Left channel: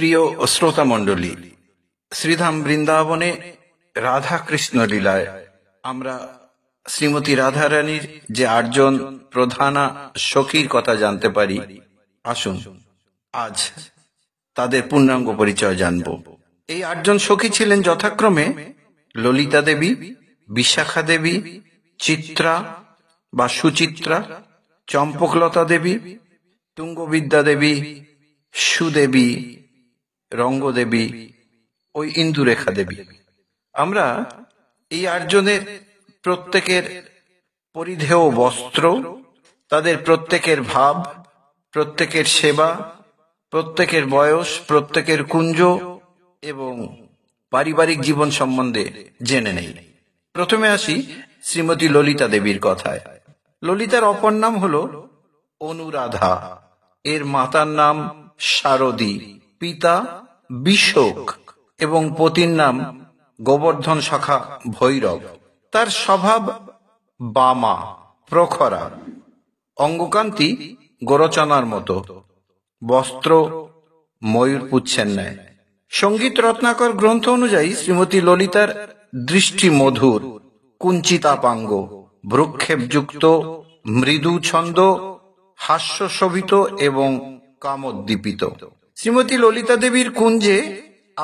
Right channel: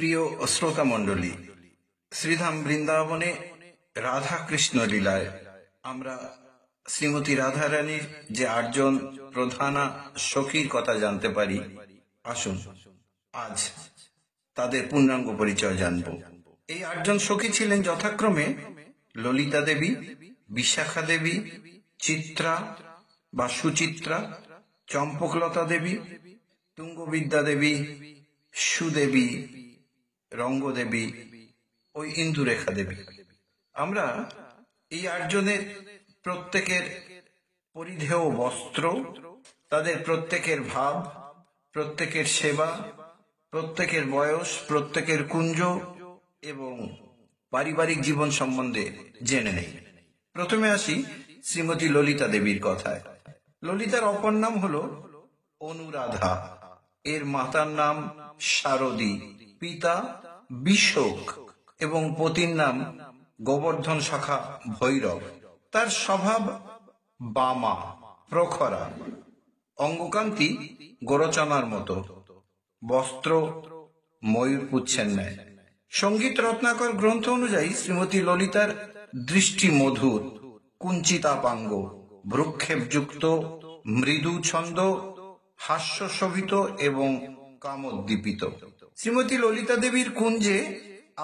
প্রিয় শ্রোতা মণ্ডলী, শ্রীধাম বৃন্দাবনে রাধা কৃষ্ণ লীলায় আমরা শ্রীমতী রাধারানীর যে ৮ জন প্রধানা সখীর কথা জানতে পারি। আসুন আজ তাদের পূর্ণাঙ্গ পরিচয় জানব। এই ৮ জন সখী ছিলেন যথাক্রমে ললিতা দেবী, বিশাখা দেবী, চিত্রা বা সুচিত্রা, চম্পকলতা দেবী, তুঙ্গবিদ্যা দেবী, সুদেবী, রঙ্গদেবী ও ইন্দুরেখা দেবী। আমরা এই ৮ জনের প্রত্যেকের পরিধেয় বস্ত্র, তাদের প্রত্যেকের ভাব, প্রত্যেকের সেবা, প্রত্যেকের বয়স, প্রত্যেকের কুঞ্জ এবং পারিবারিক জীবন সম্বন্ধে জেনে নেই। প্রথমে আসি শ্রীমতী ললিতা দেবীর কথায়। ললিতার অপর নাম হল অনুরাধা। এর মাতার নাম শারদী, পিতা বিশোক এবং পতির নাম গোবর্ধন সখা ভৈরব। তার স্বভাব বামা, প্রখরা, অঙ্গকান্তি গোরচনার মতো, বস্ত্র ময়ূর পুচ্ছের ন্যায়। সঙ্গীত রত্নাকর গ্রন্থ অনুযায়ী শ্রীমতী ললিতার দৃষ্টি মধুর, কুঞ্চিতাপাঙ্গ, ভ্রুক্ষেপযুক্ত, মৃদু ছন্দ, হাস্যশোভিত এবং কামোদ্দীপিত। শ্রীমতী ললিতা দেবীর কুঞ্জে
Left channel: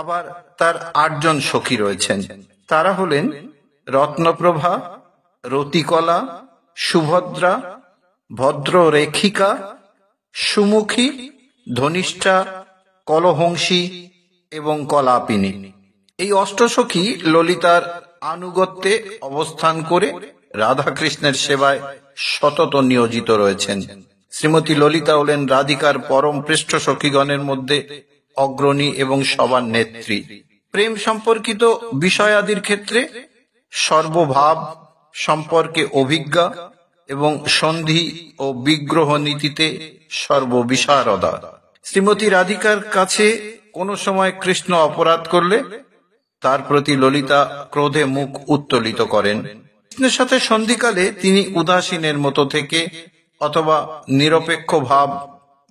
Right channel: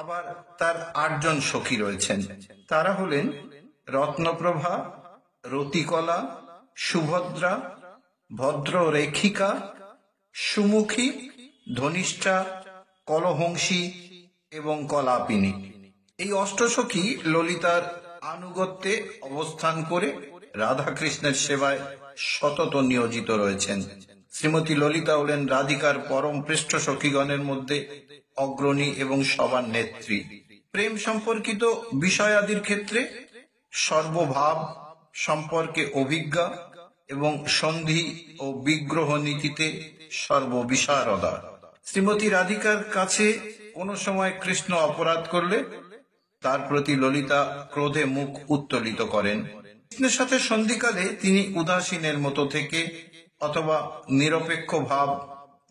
আবার তার ৮ জন সখী রয়েছেন। তারা হলেন রত্নপ্রভা, রতিকলা, সুভদ্রা, ভদ্ররেখিকা, সুমুখী, ধনিষ্ঠা, কলহংসী এবং কলাপিনী। এই অষ্টসখী ললিতার আনুগত্যে অবস্থান করে রাধাকৃষ্ণের সেবায় সতত নিয়োজিত রয়েছেন। শ্রীমতী ললিতা হলেন রাধিকার পরম পৃষ্ঠ সখীগণের মধ্যে অগ্রণী এবং সবার নেত্রী। প্রেম সম্পর্কিত বিষয়াদির ক্ষেত্রে সর্বভাব সম্পর্কে অভিজ্ঞা এবং সন্ধি ও বিগ্রহ নীতিতে সর্ববিশারদা। শ্রীমতী রাধিকার কাছে কোনো সময় কৃষ্ণ অপরাধ করলে তার প্রতি ললিতা ক্রোধে মুখ উত্তোলিত করেন। কৃষ্ণের সাথে সন্ধিকালে তিনি উদাসীনের মতো থেকে অথবা নিরপেক্ষ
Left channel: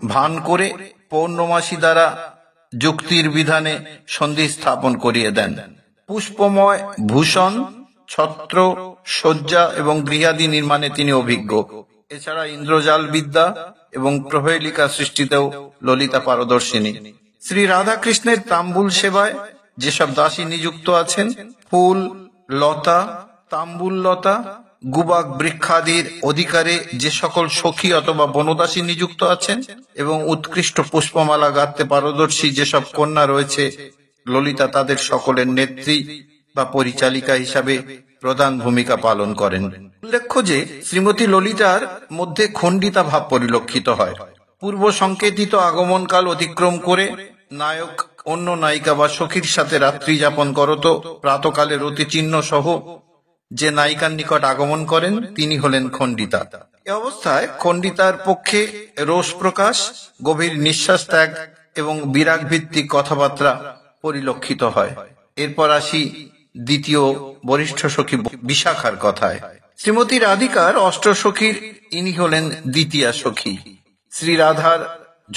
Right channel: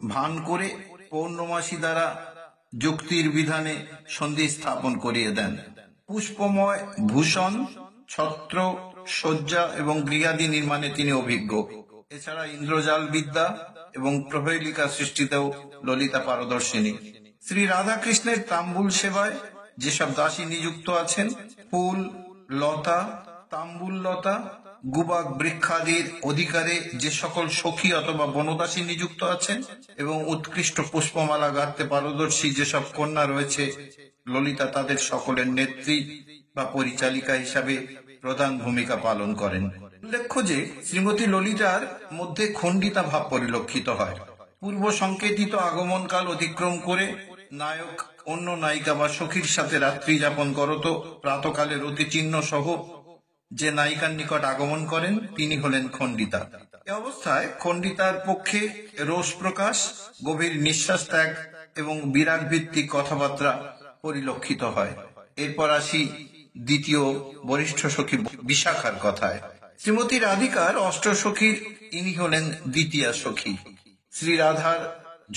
ভান করে পৌর্ণমাসী দ্বারা যুক্তির বিধানে সন্ধি স্থাপন করিয়ে দেন। পুষ্পময় ভূষণ, ছত্র, শয্যা এবং গৃহাদি নির্মাণে তিনি অভিজ্ঞ। এছাড়া ইন্দ্রজাল বিদ্যা এবং প্রহেলিকা সৃষ্টিতেও ললিতা পারদর্শিনী। শ্রী রাধাকৃষ্ণের তাম্বুল সেবায় যেসব দাসী নিযুক্ত আছেন, ফুল, লতা, তাম্বুল লতা, গুবাক বৃক্ষাদির অধিকারে যে সকল সখী অথবা বনদাসী নিযুক্ত আছেন এবং উৎকৃষ্ট পুষ্পমালা গাঁথতে পারদর্শী যেসব কন্যা রয়েছে, ললিতা তাদের সকলের নেত্রী বা পরিচালিকা হিসাবে প্রধান ভূমিকা পালন করেন। উল্লেখ্য যে শ্রীমতী ললিতার মধ্যে খণ্ডিতা ভাব পরিলক্ষিত হয়। পূর্ব সংকেতিত আগমনকাল অতিক্রম করে নায়ক অন্য নায়িকা বা সখীর সাথে রাত্রি যাপন করত প্রাতকালে রতিচিহ্ন সহ যে নায়িকার নিকট আগমন করেন তিনি হলেন খণ্ডিতা। এ অবস্থায় খণ্ডিতার পক্ষে রোষ প্রকাশ, গভীর নিঃশ্বাস ত্যাগ এবং বিরাগ ভিত্তিক কথাবার্তা পরিলক্ষিত হয়। এরপর আসি দ্বিতীয় বরিষ্ঠ সখী বিশাখার কথায়। শ্রীমতী রাধিকার অষ্টসখীর ইনি হলেন দ্বিতীয়া সখী। শ্রী রাধার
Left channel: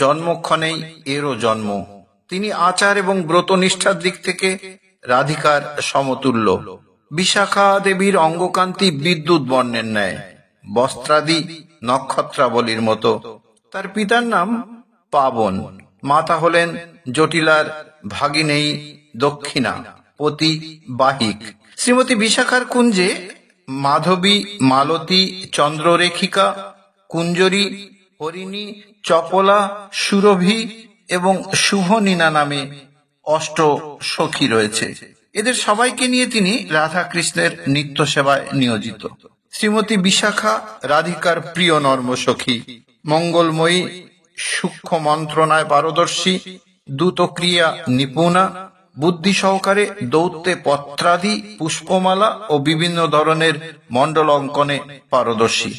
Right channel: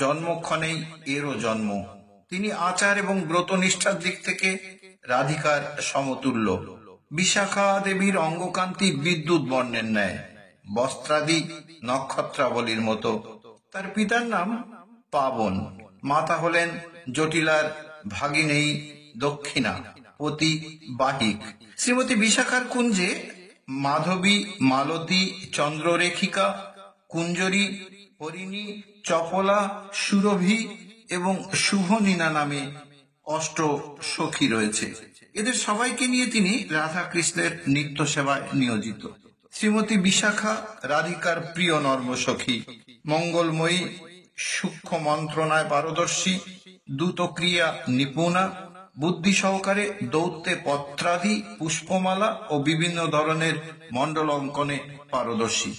জন্মক্ষণেই এরও জন্ম। তিনি আচার এবং ব্রতনিষ্ঠার দিক থেকে রাধিকার সমতুল্য। বিশাখা দেবীর অঙ্গকান্তি বিদ্যুৎ বর্ণের ন্যায়, বস্ত্রাদি নক্ষত্রাবলীর মতো। তার পিতার নাম পাবন, মাতা হলেন জটিলার ভাগিনেয়ী দক্ষিণা, পতি বাহিক। শ্রীমতী বিশাখার কুঞ্জে মাধবী, মালতী, চন্দ্ররেখিকা, কুঞ্জরী, হরিণী, চপলা, সুরভি এবং শুভনীনা নামে ৮ সখী রয়েছে। এদের সবাইকে নিয়ে তিনি রাধা কৃষ্ণের নিত্য সেবায় নিয়োজিত। শ্রীমতী বিশাখা রাধিকার প্রিয় নর্ম সখী, মঙ্গলময়ী, সূক্ষ্ম মন্ত্রণায় পারদর্শী, দ্রুতক্রিয়া নিপুণা, বুদ্ধি সহকারে দৌত্যে পত্রাদি, পুষ্পমালা ও বিভিন্ন ধরনের মণ্ডল অঙ্কনে পারদর্শী।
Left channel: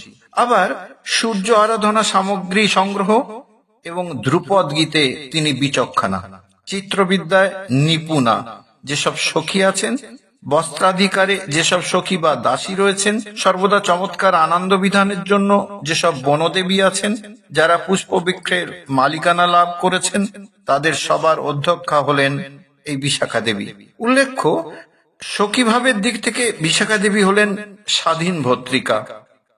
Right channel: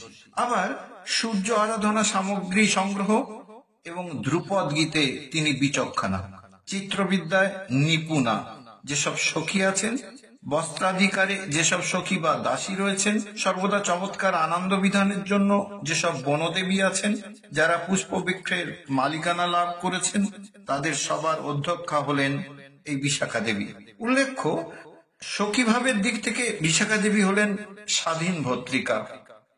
আবার সূর্য আরাধনা সামগ্রী সংগ্রহ এবং ধ্রুপদ গীতে তিনি বিচক্ষণা। চিত্রবিদ্যায় নিপুণা। যেসব সখী আছেন বস্ত্রাধিকারে যেসব সখী বা দাসী রয়েছেন, সর্বদা চমৎকার আনন্দ বিধানের জন্য যেসব বনদেবী আছেন, যারা পুষ্পবৃক্ষের মালিকানা লাভ করেছেন, তাদের সবার অধ্যক্ষা হলেন এই বিশাখা দেবী। উল্লেখ্য, সখীভাবের দিক থেকে বিশাখা দেবী হলেন স্বাধীন ভর্তৃকা।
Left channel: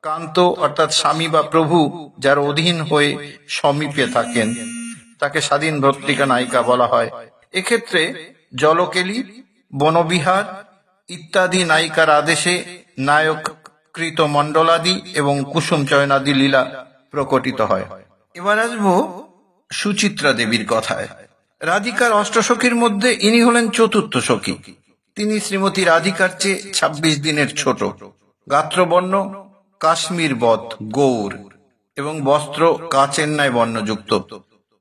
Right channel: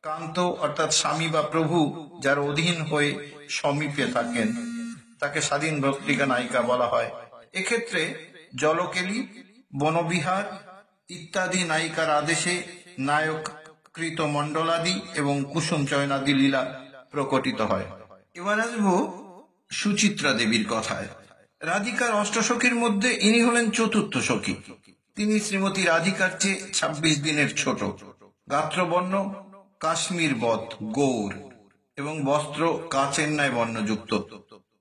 কান্ত অর্থাৎ স্বামী বা প্রভু যার অধীন হয়ে সমীপে থাকেন, তাকে স্বাধীন ভর্তৃকা নায়িকা বলা হয়। এক্ষেত্রে জলকেলী, বনবিহার ইত্যাদি নায়িকার আদেশে নায়ক কৃত মণ্ডলাদি এবং কুসুম চয়নাদি লীলা প্রকটিত হয়। এবার আসবো সুচিত্রা দেবীর কথায়। রাধিকার অষ্টসখীর মধ্যে ইনি হলেন চতুর্থ সখী। তিনি শ্রীমতী রাধিকার চেয়ে 26 দিনের ছোট। গাত্রবর্ণ কাশ্মীর বৎ গৌর এবং বস্ত্র কাচের ন্যায় বর্ণযুক্ত।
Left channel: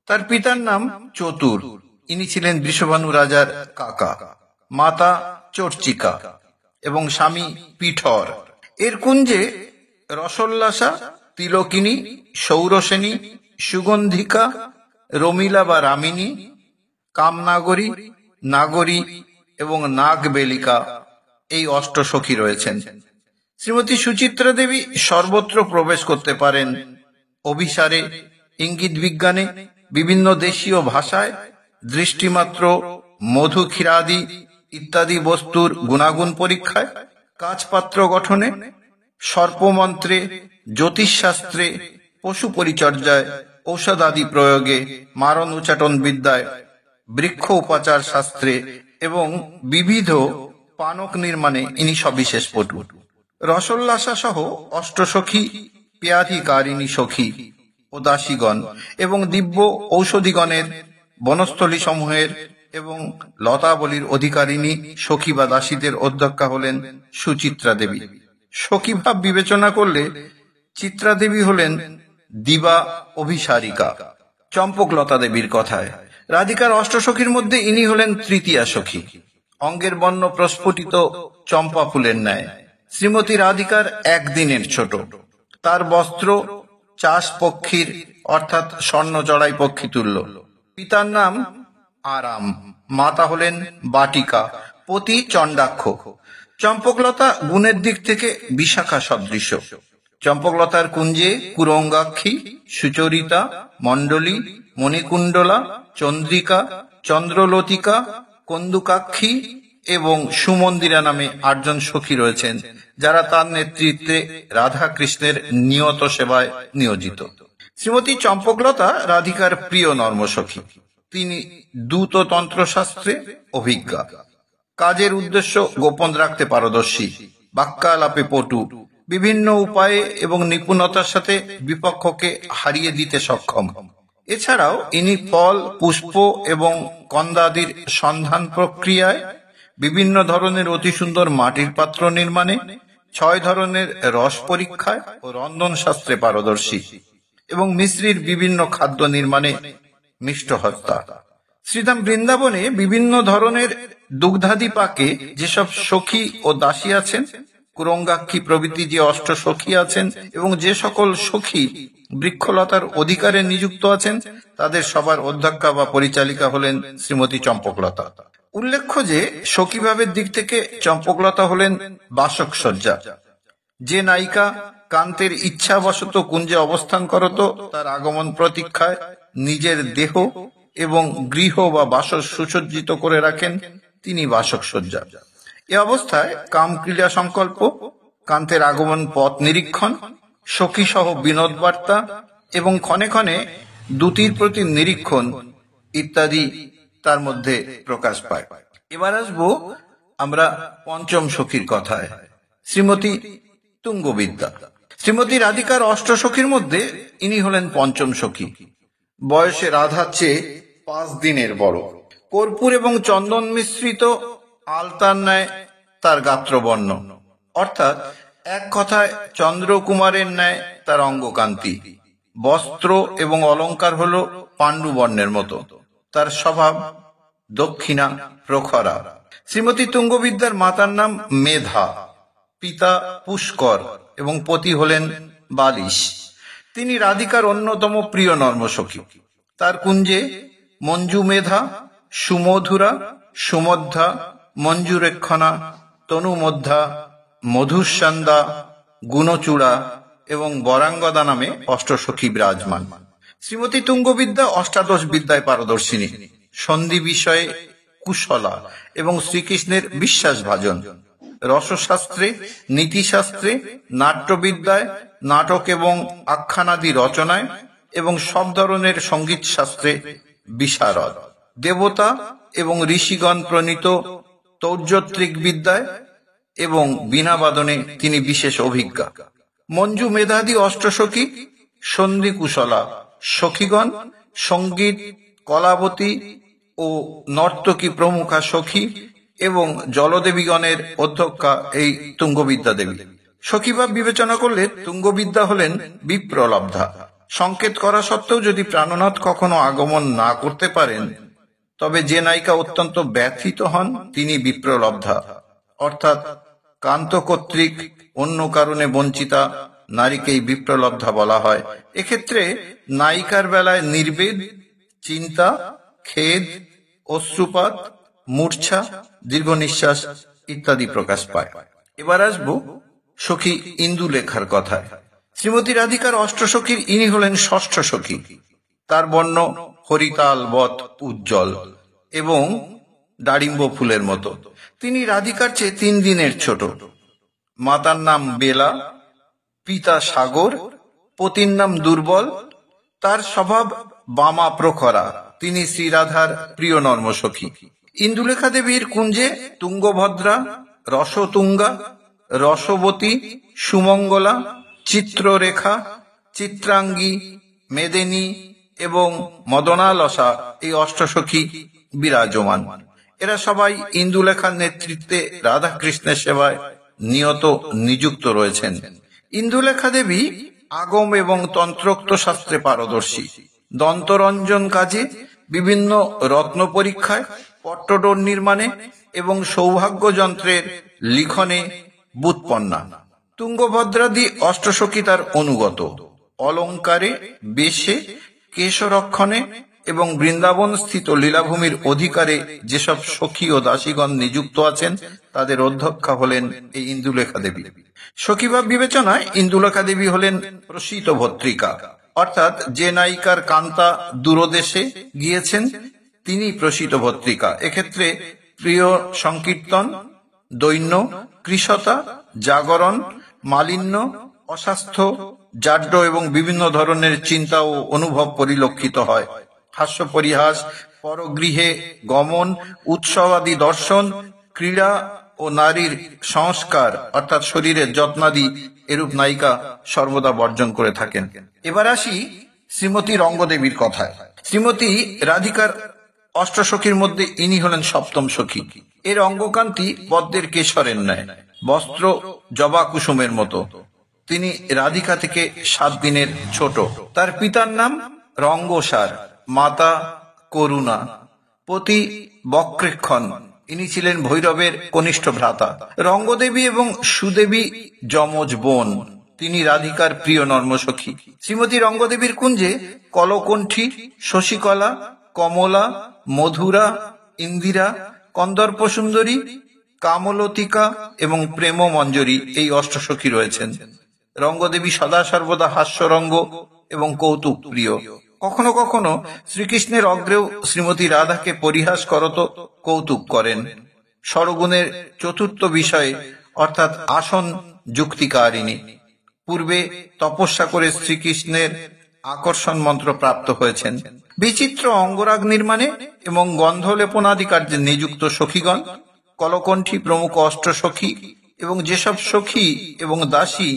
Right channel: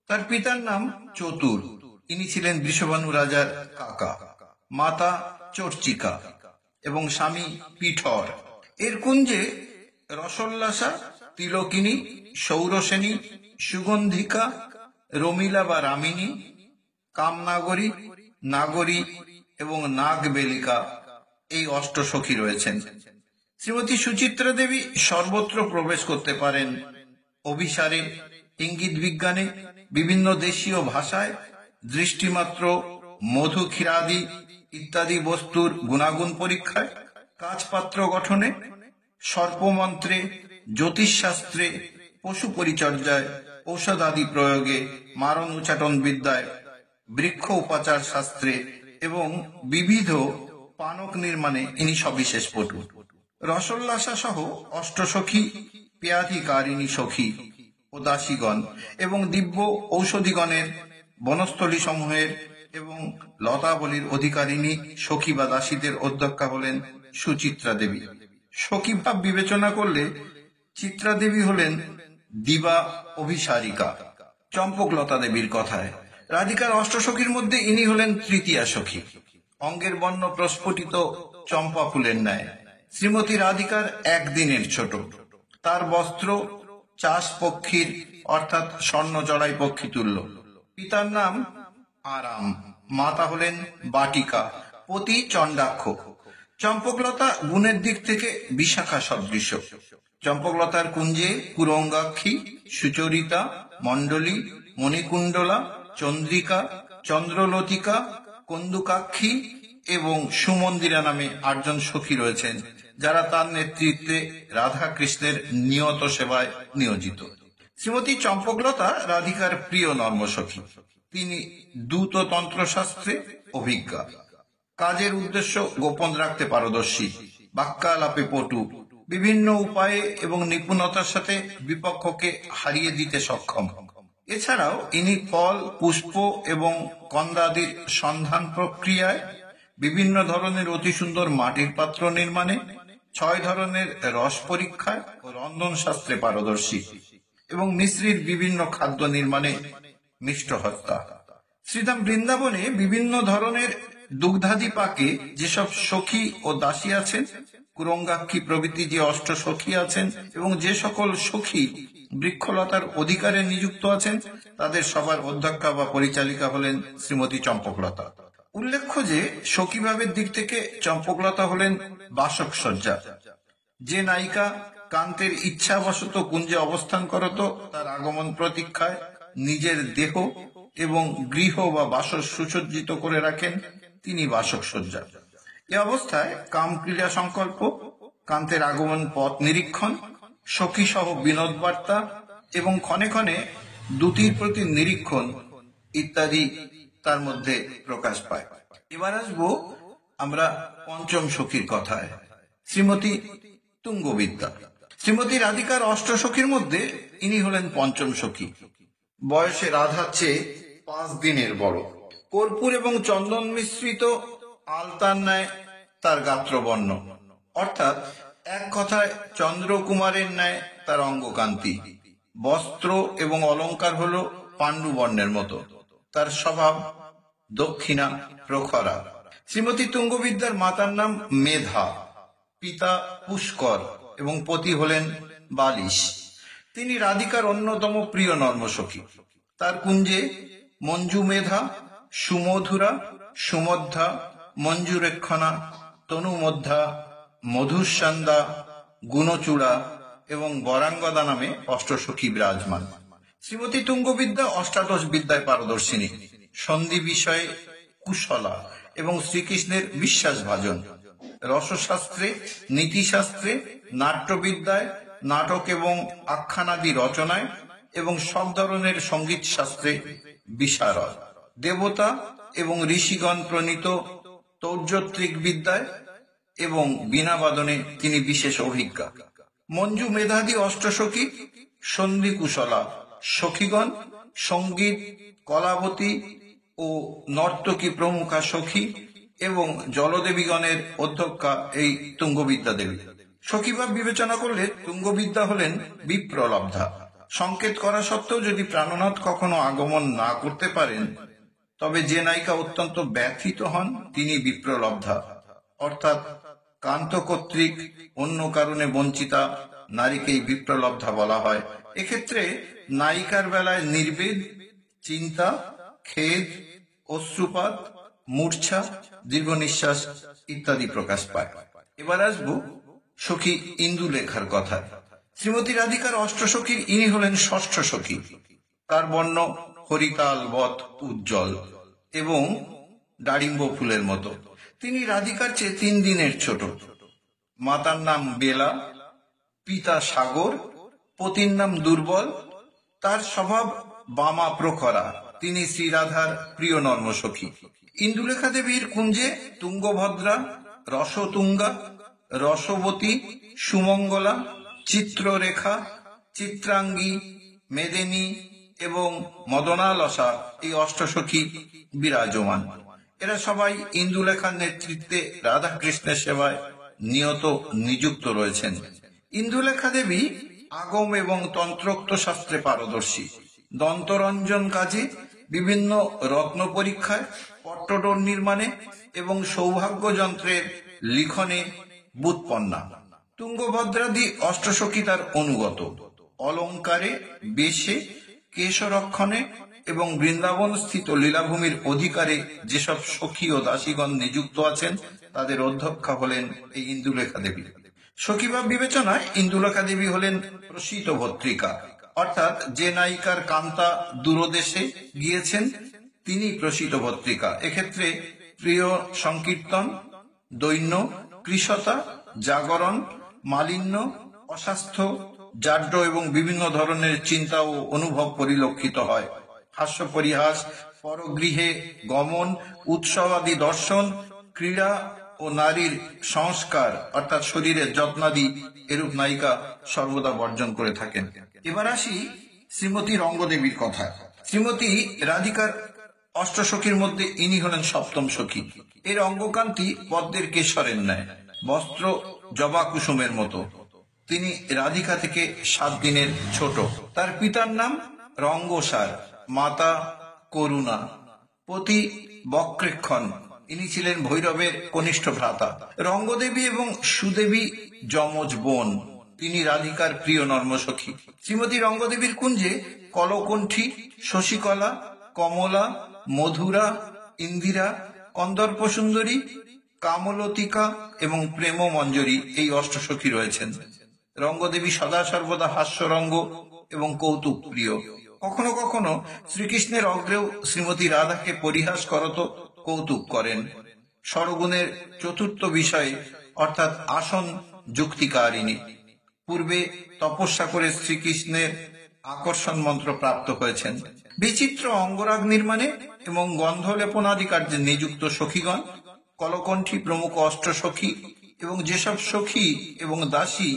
তার পিতার নাম চতুর, ইনি ছিলেন বৃষভানু রাজার কাকা। মাতা চর্চিকা এবং স্বামী পিঠর। এর কুঞ্জে রসোল্লাসা, তিলকিনী, সৌরসেনী, সুগন্ধিকা, রমিলা বা রামিনী, কামনাগরী, নাগরী এবং নাগবেলিকা এই অষ্টসখী রয়েছেন। শ্রীমতী সুচিত্রা দেবী সর্বত্র প্রবেশ করতে পারেন। অভিসারে, ইঙ্গিত বিজ্ঞানে, বিভিন্ন দেশীয় ভাষায়, দৃষ্টিমাত্র, মধু ক্ষীরাদি ইত্যাদি বস্তুর গুণাগুণ পরীক্ষায়, কাচপাত্র গঠনে, সর্পমন্ত্রে, জ্যোতিষশাস্ত্রে, পশু পরিচর্যায়, ঔষধাদি প্রয়োগে, মারণ উচ্চাটন বিদ্যায়, বৃক্ষ উপাচার শাস্ত্রে এবং বিবিধ পানক নির্মাণে ইনি সবিশেষ পটু। রসোল্লাসা সহ অষ্টসখী, পেয়াধিকারিণী সখী ও দাসীগণ এবং দিব্য ঔষধিগণের, বনস্থলী সমূহের এবং লতাবলীর অধিকারিণী সখী বা দাসীদের অধ্যক্ষা হলেন সুচিত্রা দেবী। সখীভাব বিবেচনা করলে চিত্রা দেবী হলেন দিবা অভিসারিকা। চম্পকলতা দেবীর কথায়, রাধিকার অষ্টসখীর মধ্যে ইনি হলেন তৃতীয়া সখী। অঙ্গের বর্ণ প্রস্ফুটিত চম্পা ফুলের ন্যায়। শ্রীমতী রাধিকার 1 দিনের ছোট। তার বস্ত্র চাষ পক্ষীর অর্থাৎ স্বর্ণ জড়াই পক্ষী তুল্য। পিতার নাম আরাম, মাতা হলেন বাটিকা, পতি চণ্ডাক্ষ। চম্পকলতা গুণের দিক থেকে বিশাখা সদৃশ। চম্পকলতার কুঞ্জে কুরঙ্গাক্ষী, সুচরিতা, মণ্ডলী, মণিকুণ্ডলা, চন্দ্রিকা, চন্দ্রলতিকা, কন্দুকাক্ষী এবং সুমন্দিরা নামে 8 জন সখী রয়েছেন, যারা তার নেতৃত্বে রাধা কৃষ্ণের নিয়ত সেবায় নিয়োজিত। শ্রীমতী চম্পকলতা রাধিকার প্রিয় নর্মসখী। তিনি দূত তন্ত্রশাস্ত্রে অভিজ্ঞা, কাজের উদ্দেশ্য গোপন রাখতে পারদর্শী, বাক্যালাপে পটু, বিভিন্ন উপায়ে এবং নিপুণতার সাথে বিপক্ষকে হারিয়ে দিতে সক্ষম। এছাড়াও ইনি ফল, পুষ্প এবং কন্দাদির সন্ধান প্রক্রিয়ায়, বিভিন্ন ধরনের অতি সুন্দর মাটির পাত্র নির্মাণে, 6 ধরনের রস পরীক্ষায় ও রন্ধন শাস্ত্রে পারদর্শী এবং মিশ্রির বিভিন্ন খাদ্য নির্মাণে মিষ্টহস্তা। শ্রীধাম বৃন্দাবনে বিভিন্ন ধরনের দুগ্ধাদি পাকে যেসব সখী ও দাসী আছেন, কুরঙ্গাক্ষী প্রভৃতি যে অষ্টসখী আছেন এবং যে সকল সখী বৃক্ষলতার অধিকারে নিযুক্ত আছেন, তাদের সবার অধ্যক্ষা বা পরিচালিকা হলেন শ্রীমতী চম্পকলতা। উল্লেখ্য যে সখীভাবের দিক থেকে চম্পকলতা হলেন বাসক সজ্জা। যে নায়িকা কান্তের ইচ্ছাবশত কুঞ্জে অবস্থান করত, তার আগমন প্রতীক্ষায় নিজের দেহ এবং গৃহ বা বাসর সুসজ্জিত করে রাখেন, তিনি বাসক সজ্জা। এ অবস্থায় কামক্রিয়া সংকল্প, কান্তের আগমন পথ নিরীক্ষণ, সখী সহ বিনোদ বার্তা এবং ক্ষণে ক্ষণে দ্যুতির প্রতি নিরীক্ষণ ইত্যাদি তার মধ্যে প্রকাশ পায়। এবার আসবো আমরা পঞ্চম সখীর কথায়, শ্রীমতী তুঙ্গবিদ্যা। শ্রীমতী রাধিকার অষ্টসখীর মধ্যে ইনি হলেন পঞ্চম সখী। বয়সে রাধার চেয়ে 5 দিনের বড়। কর্পূর এবং চন্দন মিশ্রিত আলতার ন্যায় তার গাত্রবর্ণ, অর্থাৎ এক কথায় চন্দ্রকুমারের ন্যায় তার অঙ্গকান্তি। বস্ত্র এবং অলঙ্কার হল পাণ্ডু বর্ণের মতো। তার স্বভাব দক্ষিণা প্রখরা। শ্রীমতী তুঙ্গবিদ্যার মাতার নাম মেধা, পিতা পুষ্কর এবং পতি হলেন বালিশ। তিনি রাধিকার অন্যতম প্রিয় নর্মসখী। তার কুঞ্জে মঞ্জু মেধা, সুমধুরা, সুমধ্যা, মঞ্জুরেক্ষণা, তনুমধ্যা, মধুসন্ধ্যা, গুণচূড়া এবং বরাঙ্গদা নামে অষ্টসখী বিরাজমান। শ্রীমতী তুঙ্গবিদ্যা অষ্টাদশ বিদ্যায় পারদর্শিনী, সন্ধি বিষয়ে কুশলা এবং শ্রীকৃষ্ণের বিশ্বাসভাজন। রসশাস্ত্রে, নীতিশাস্ত্রে, নাট্যবিদ্যায়, নাটক এবং আখ্যানাদি রচনায় এবং সব ধরনের সঙ্গীত শাস্ত্রে বিশারদ। দেবতা এবং ঋষিগণ প্রণীত তৌর্যত্রিক বিদ্যায় এবং বীণাবাদনে তিনি বিশেষ অভিজ্ঞা। মঞ্জু মেধাদি অষ্টসখী, সন্ধি কুশলা সখীগণ, সঙ্গীত কলাবতী ও নর্তকী প্রমুখা সখী এবং জলদেবীগণের অধ্যক্ষা এই তুঙ্গবিদ্যা দেবী। সখীভাব বিবেচনা করলে তুঙ্গবিদ্যা হলেন বিপ্রলব্ধা। সংকেত করা সত্ত্বেও যদি প্রাণনাথ কখনো আগমন না করতে পারেন, তবে যে নায়িকা অত্যন্ত ব্যথিত হন তিনি বিপ্রলব্ধা, অর্থাৎ কান্ত কর্তৃক অন্য কারণে বঞ্চিতা নারীকেই বিপ্রলব্ধা বলা হয়। এক্ষেত্রে নায়িকার বেলায় নির্বেদ, চিন্তা, খেদ, অশ্রুপাত, মূর্ছা, দীর্ঘ নিঃশ্বাস ইত্যাদি প্রকাশ পায়। এবার আসবো সখী ইন্দুলেখার কথায়। শ্রীমতী রাধিকার অষ্টসখীর ইনি হলেন ষষ্ঠ সখী। তার বর্ণ হরিতালবৎ উজ্জ্বল এবং ডালিম্ব ফুলের মতো। তিনি রাধিকার চেয়ে 3 দিনের ছোট। মাতার নাম বেলা, পিতা সাগর, পতির নাম দুর্বল। তার স্বভাব বামা প্রখরা। তিনি শ্রীরাধার প্রিয় নর্মসখী। ইন্দুলেখা দেবীর কুঞ্জে তুঙ্গভদ্রা, রসতুঙ্গা, রসবতী, সুমঙ্গলা, চিত্ররেখা, চিত্রাঙ্গী, মেদিনী এবং মদনালসা এই অষ্টসখী বিরাজমান। এরা সবাই ইন্দুলেখার নেতৃত্বে রাধাকৃষ্ণের সেবায় নিয়ত নিযুক্ত রয়েছেন। ইন্দুলেখা দেবী আগম এবং তন্ত্রোক্ত শাস্ত্রে পারদর্শী। দন্তরঞ্জন কাজে, বিভিন্ন রত্ন পরীক্ষায়, পট্টডোর নির্মাণে এবং সৌভাগ্য যন্ত্রের লিখনে বুৎপন্না। তুঙ্গভদ্রাদি অষ্টসখী তার অনুগত। অলঙ্কারে, বেশে, কেশরক্ষণে এবং বৃন্দাবন স্থিত লীলাভূমির অধিকারে যেসব সখী ও দাসীগণ নিযুক্ত আছেন তাদের অধ্যক্ষা হলেন এই ইন্দুলেখা দেবী। সখীভাব বিবেচনায় ইন্দুলেখা দেবী হলেন প্রসিত ভত্রিকা, অর্থাৎ যে নায়িকার কান্তা দূরদেশে গিয়েছেন তিনি প্রসিত ভত্রিকা। এক্ষেত্রে প্রিয় সংকীর্তন, দৈন্য, কৃশতা, জাগরণ, মালিন্য, অস্বাস্থ্য, জাড্য এবং বিভিন্ন ধরনের চিন্তা ও অনুভব পরিলক্ষিত হয়। হাস্য পরিহাস, পরগৃহে গমন, উৎসবাদি দর্শন, ক্রীড়া ও নারীর সংস্কার অর্থাৎ শরীরের যত্নাদি এরূপ নায়িকা সর্বদা বর্জন করে থাকেন। এবার আসি শ্রীমতী রঙ্গদেবীর কথায়। শ্রীমতী রাধিকার অষ্টসখীর মধ্যে ইনি হলেন সপ্তম সখী। এর অঙ্গকান্তি পদ্মের কেশরের ন্যায়, বস্ত্র জবা কুসুমের মতো। তিনি রাধিকা থেকে 7 দিনের ছোট। তার পিতার নাম রঙ্গসার, মাতা করুণা, পতি বক্রেক্ষণ। ইনি ছিলেন ভৈরবের কনিষ্ঠ ভ্রাতা। রঙ্গদেবী এবং সুদেবী যমজ বোন। তিনি রাধিকার প্রিয় নর্মসখী। শ্রীমতী রঙ্গদেবীর কুঞ্জে কলকণ্ঠী, শশীকলা, কমলা, মধুরা, ইন্দিরা, কন্দর্প সুন্দরী, কামলতিকা এবং প্রেম মঞ্জরী এই অষ্টসখী রয়েছেন। রঙ্গদেবী সদা সর্বদা হাস্যরঙ্গ এবং কৌতুক প্রিয়। কখনো কখনো শ্রীকৃষ্ণের অগ্রেও শ্রীমতী রাধাকে পরিহাস করত কৌতুক করেন। ষড়গুণের চতুর্থ বিষয়ে অর্থাৎ আসন যুক্তিকারিণী। পূর্বে তপস্যা করে শ্রীকৃষ্ণের আকর্ষণ মন্ত্র প্রাপ্ত হয়েছেন। বিচিত্র অঙ্গরাগ নির্মাণে এবং গন্ধলেপনাদি কার্যে নিযুক্ত সখীগণ, কলকণ্ঠী প্রমুখ অষ্টসখী এবং যেসব সখী এবং দাসী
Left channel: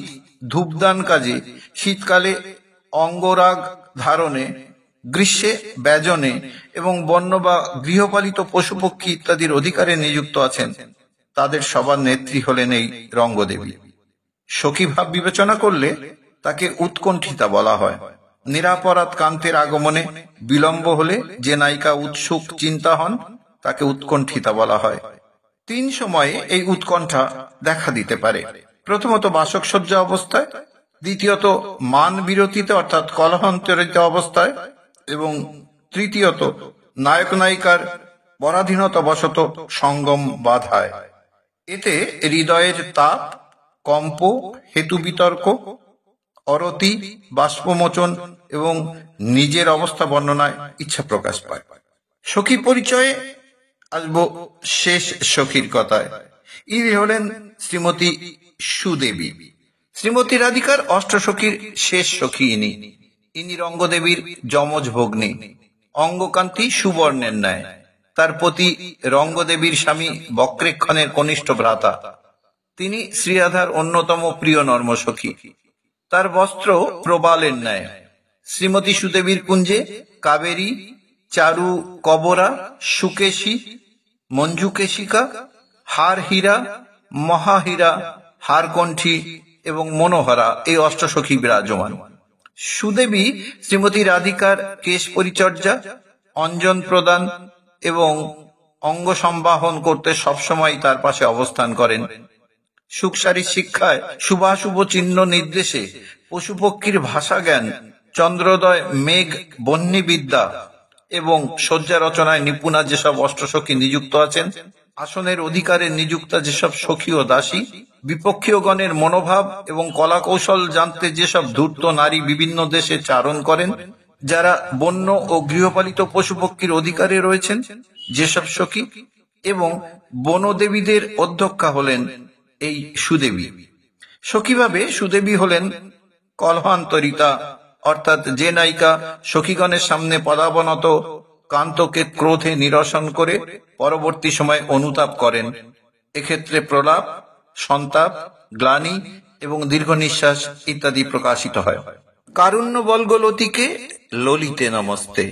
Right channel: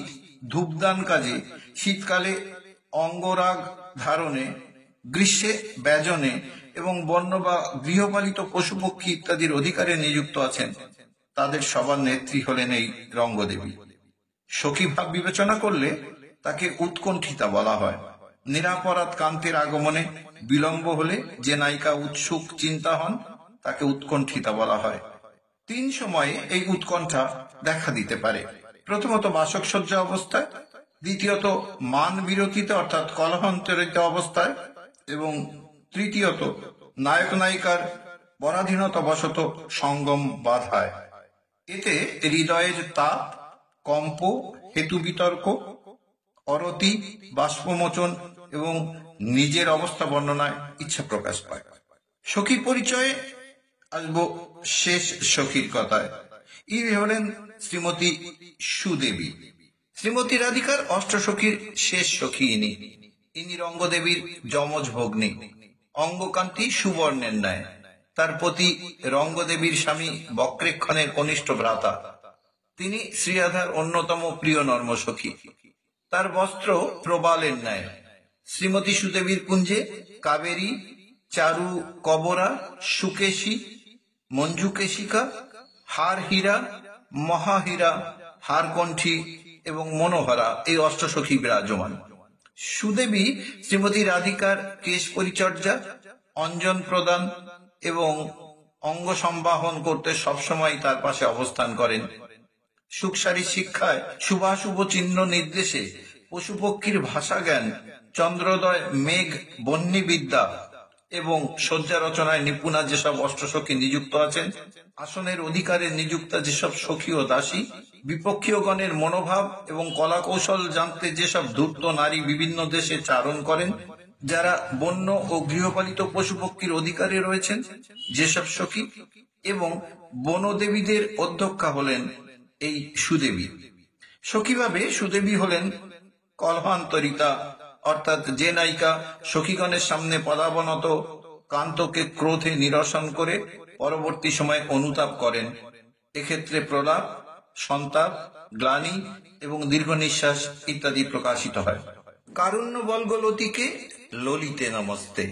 ধূপদান কাজে, শীতকালে অঙ্গরাগ ধারণে, গ্রীষ্মে ব্যজনে এবং বন্য বা গৃহপালিত পশুপক্ষী ইত্যাদির অধিকারে নিযুক্ত আছেন, তাদের সবার নেত্রী হলেন এই রঙ্গদেবী। সখীভাব বিবেচনা করলে তাকে উৎকণ্ঠিতা বলা হয়। নিরাপরাধ কান্তের আগমনে বিলম্ব হলে যে নায়িকা উৎসুক চিন্তা হন তাকে উৎকণ্ঠিতা বলা হয়। 3 সময়ে এই উৎকণ্ঠা দেখা দিতে পারে। প্রথমত বাসকসজ্জা অবস্থায়, দ্বিতীয়ত মান বিরতিতে অর্থাৎ কলহান্তরিত অবস্থায় এবং তৃতীয়ত নায়ক নায়িকার পরাধীনতা বশত সঙ্গম বাধায়। এতে হৃদয়ের তাপ, কম্প, হেতু বিতর্ক, অরতি, বাষ্পমোচন এবং নিজের অবস্থা বর্ণনায় ইচ্ছা প্রকাশ পায়। সখী পরিচয়ে আসবো শেষ সখীর কথায়। ইনি হলেন শ্রীমতী সুদেবী। শ্রীমতী রাধিকার অষ্টসখীর শেষ সখী ইনি রঙ্গদেবীর যমজ ভগ্নী, অঙ্গকান্তি সুবর্ণের ন্যায়। তার পতি রঙ্গদেবীর স্বামী বক্রেক্ষণের কনিষ্ঠ ভ্রাতা। তিনি শ্রীরাধার অন্যতম প্রিয় নর্মসখী। তার বস্ত্র প্রবালের ন্যায়। শ্রীমতী সুদেবীর কুঞ্জে কাবেরী, চারু কবরা, সুকেশী, মঞ্জুকেশিকা, হার হীরা, মহাহীরা, হারকণ্ঠী এবং মনোহরা এই অষ্টসখী বিরাজমান। সুদেবী শ্রীমতী রাধিকার কেশ পরিচর্যা, অঞ্জন প্রদান এবং অঙ্গ সম্বাহন করতে সবসময় তার পাশে অবস্থান করেন। সুখসারী শিক্ষায়, শুভাশুভ চিহ্ন নির্দেশে, পশুপক্ষীর ভাষা জ্ঞান, চন্দ্রোদয় মেঘ বহ্নি বিদ্যা এবং শয্যা রচনায় নিপুণা যেসব অষ্টসখী নিযুক্ত আছেন, আসনের অধিকারে নিযুক্তা যেসব সখী ও দাসী, বিপক্ষীয় গণের মনোভাব এবং কলা কৌশল জানতে যেসব ধূর্ত নারী বিভিন্ন দেশে চারণ করেন, যারা বন্য ও গৃহপালিত পশুপক্ষীর অধিকারে রয়েছেন যেসব সখী, এবং বনদেবীদের অধ্যক্ষা হলেন এই সুদেবী। সখীভাবে সুদেবী হলেন কলহান্তরিতা, অর্থাৎ যে নায়িকা সখীগণের সামনে পদাবনত কান্তকে ক্রোধে নিরসন করে পরবর্তী সময় অনুতাপ করেন। এক্ষেত্রে প্রলাপ, সন্তাপ, গ্লানি এবং দীর্ঘ নিঃশ্বাস ইত্যাদি প্রকাশিত হয়। কারুণ্য বল্গলতিকে ললিতে নমস্তে,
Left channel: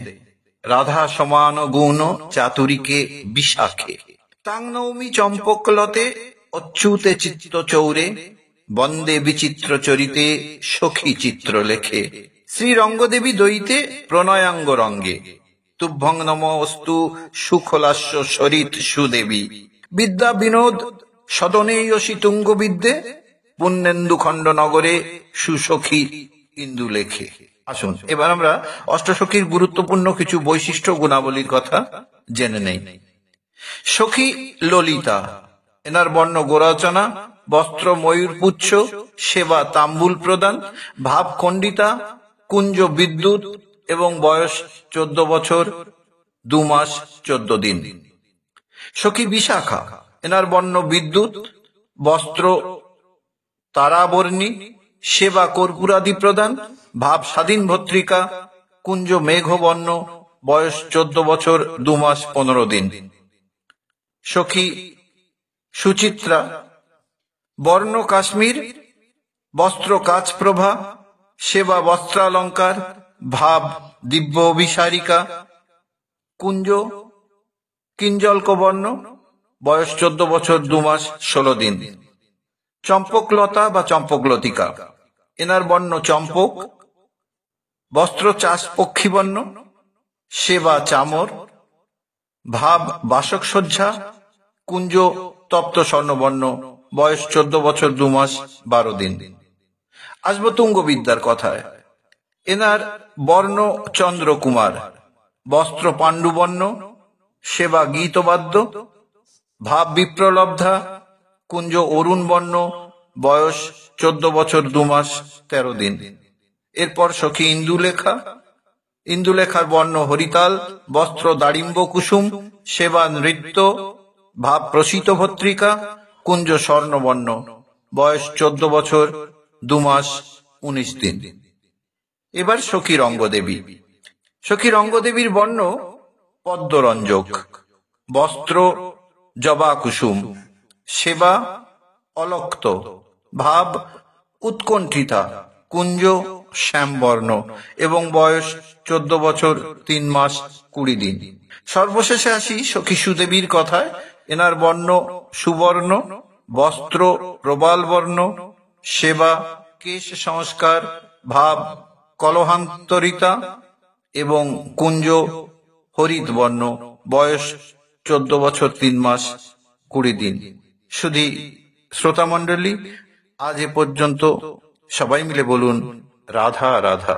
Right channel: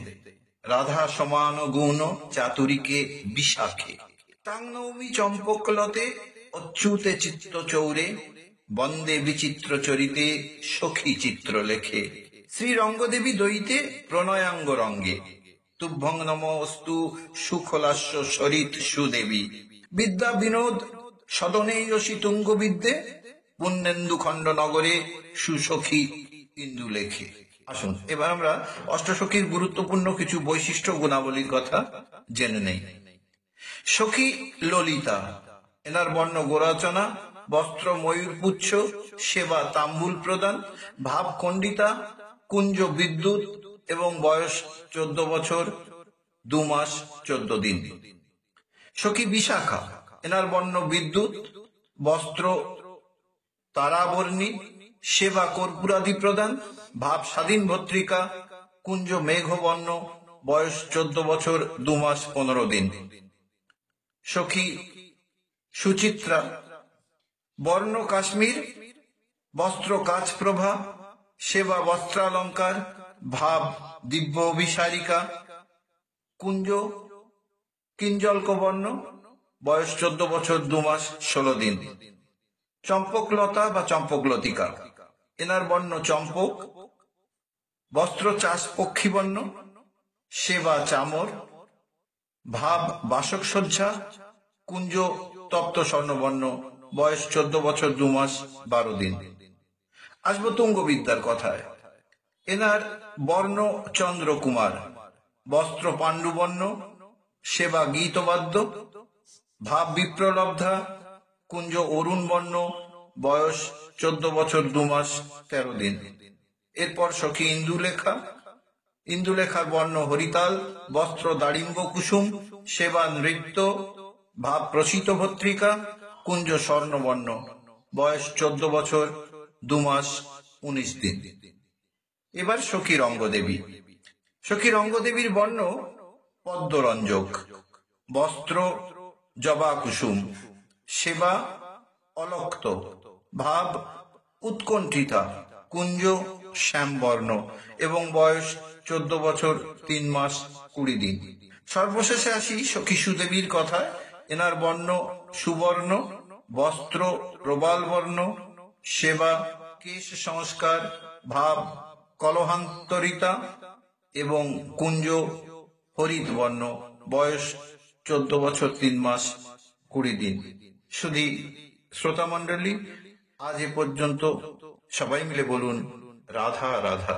রাধা সমান গুণ চাতুরীকে বিশাখে, তাং নৌমি চম্পকলতে অচ্যুতে চিত্ত চৌরে, বন্দে বিচিত্র চরিতে সখী চিত্র লেখে, শ্রী রঙ্গদেবী দয়িতে প্রণয়াঙ্গ রঙ্গে, তুভ্যং নমস্তু সুখলাস্য সরিত সুদেবী, বিদ্যা বিনোদ সদনেয়সী তুঙ্গ বিদ্যে, পুণ্যেন্দু খণ্ড নগরে সুসখী ইন্দু লেখে। আসুন এবার আমরা অষ্টসখীর গুরুত্বপূর্ণ কিছু বৈশিষ্ট্য গুণাবলীর কথা জেনে নেই। সখী ললিতা, এনার বর্ণ গোরচনা, বস্ত্র ময়ূরপুচ্ছ, সেবা তাম্বুল প্রদান, ভাব খণ্ডিতা, কুঞ্জ বিদ্যুৎ এবং বয়স 14 বছর 2 মাস 14 দিন। সখী বিশাখা, এনার বর্ণ বিদ্যুৎ, বস্ত্র তারাবর্ণী, সেবা কর্পূরাদি প্রদান, ভাব স্বাধীন ভত্রিকা, কুঞ্জ মেঘবর্ণ, বয়স 14 বছর 2 মাস 15 দিন। সখী সুচিত্রা, বর্ণ কাশ্মীর, বস্ত্র কাচপ্রভা, সেবা বস্ত্রালঙ্কার, ভাব দিব্য অভিসারিকা, কুঞ্জ কিঞ্জলকবর্ণ, বয়স 14 বছর 2 মাস 16 দিন। চম্পকলতা বা চম্পকলতিকা, এনার বর্ণ চম্পক, বস্ত্র চাষ পক্ষীবর্ণ, সেবা চামর, ভাব বাসক সজ্জা, কুঞ্জ তপ্ত স্বর্ণবর্ণ, বয়স 14 বছর 2 মাস 12 দিন। আসবো তুঙ্গবিদ্যার কথায়। এনার বর্ণ চন্দ্রকুমার, বস্ত্র পাণ্ডুবর্ণ, সেবা গীতবাদ্য, ভাব বিপ্রলব্ধা, কুঞ্জ অরুণ বর্ণ, বয়স 14 বছর 2 মাস 13 দিন। এরপর সখী ইন্দুলেখা, ইন্দুলেখার বর্ণ হরিতাল, বস্ত্র দাড়িম্ব কুসুম, সেবা নৃত্য, ভাব প্রসিত ভত্রিকা, কুঞ্জ স্বর্ণবর্ণ, বয়স 14 বছর 2 মাস 19 দিন। এবার সখী রঙ্গদেবী। সখী রঙ্গদেবীর বর্ণ পদ্মরঞ্জক, বস্ত্র জবা কুসুম, সেবা অলক্ত, ভাব উৎকণ্ঠিতা, কুঞ্জ শ্যামবর্ণ এবং বয়স 14 বছর 3 মাস 20 দিন। সর্বশেষে আসি সখী সুদেবীর কথায়। এনার বর্ণ সুবর্ণ, বস্ত্র প্রবাল বর্ণ, সেবা কেশ সংস্কার, ভাব কলহান্তরিতা এবং কুঞ্জ হরিত বর্ণ, বয়স 14 বছর 3 মাস 20 দিন। শুধু শ্রোতা মণ্ডলী, আজ এ পর্যন্ত। সবাই মিলে বলুন রাধা রাধা।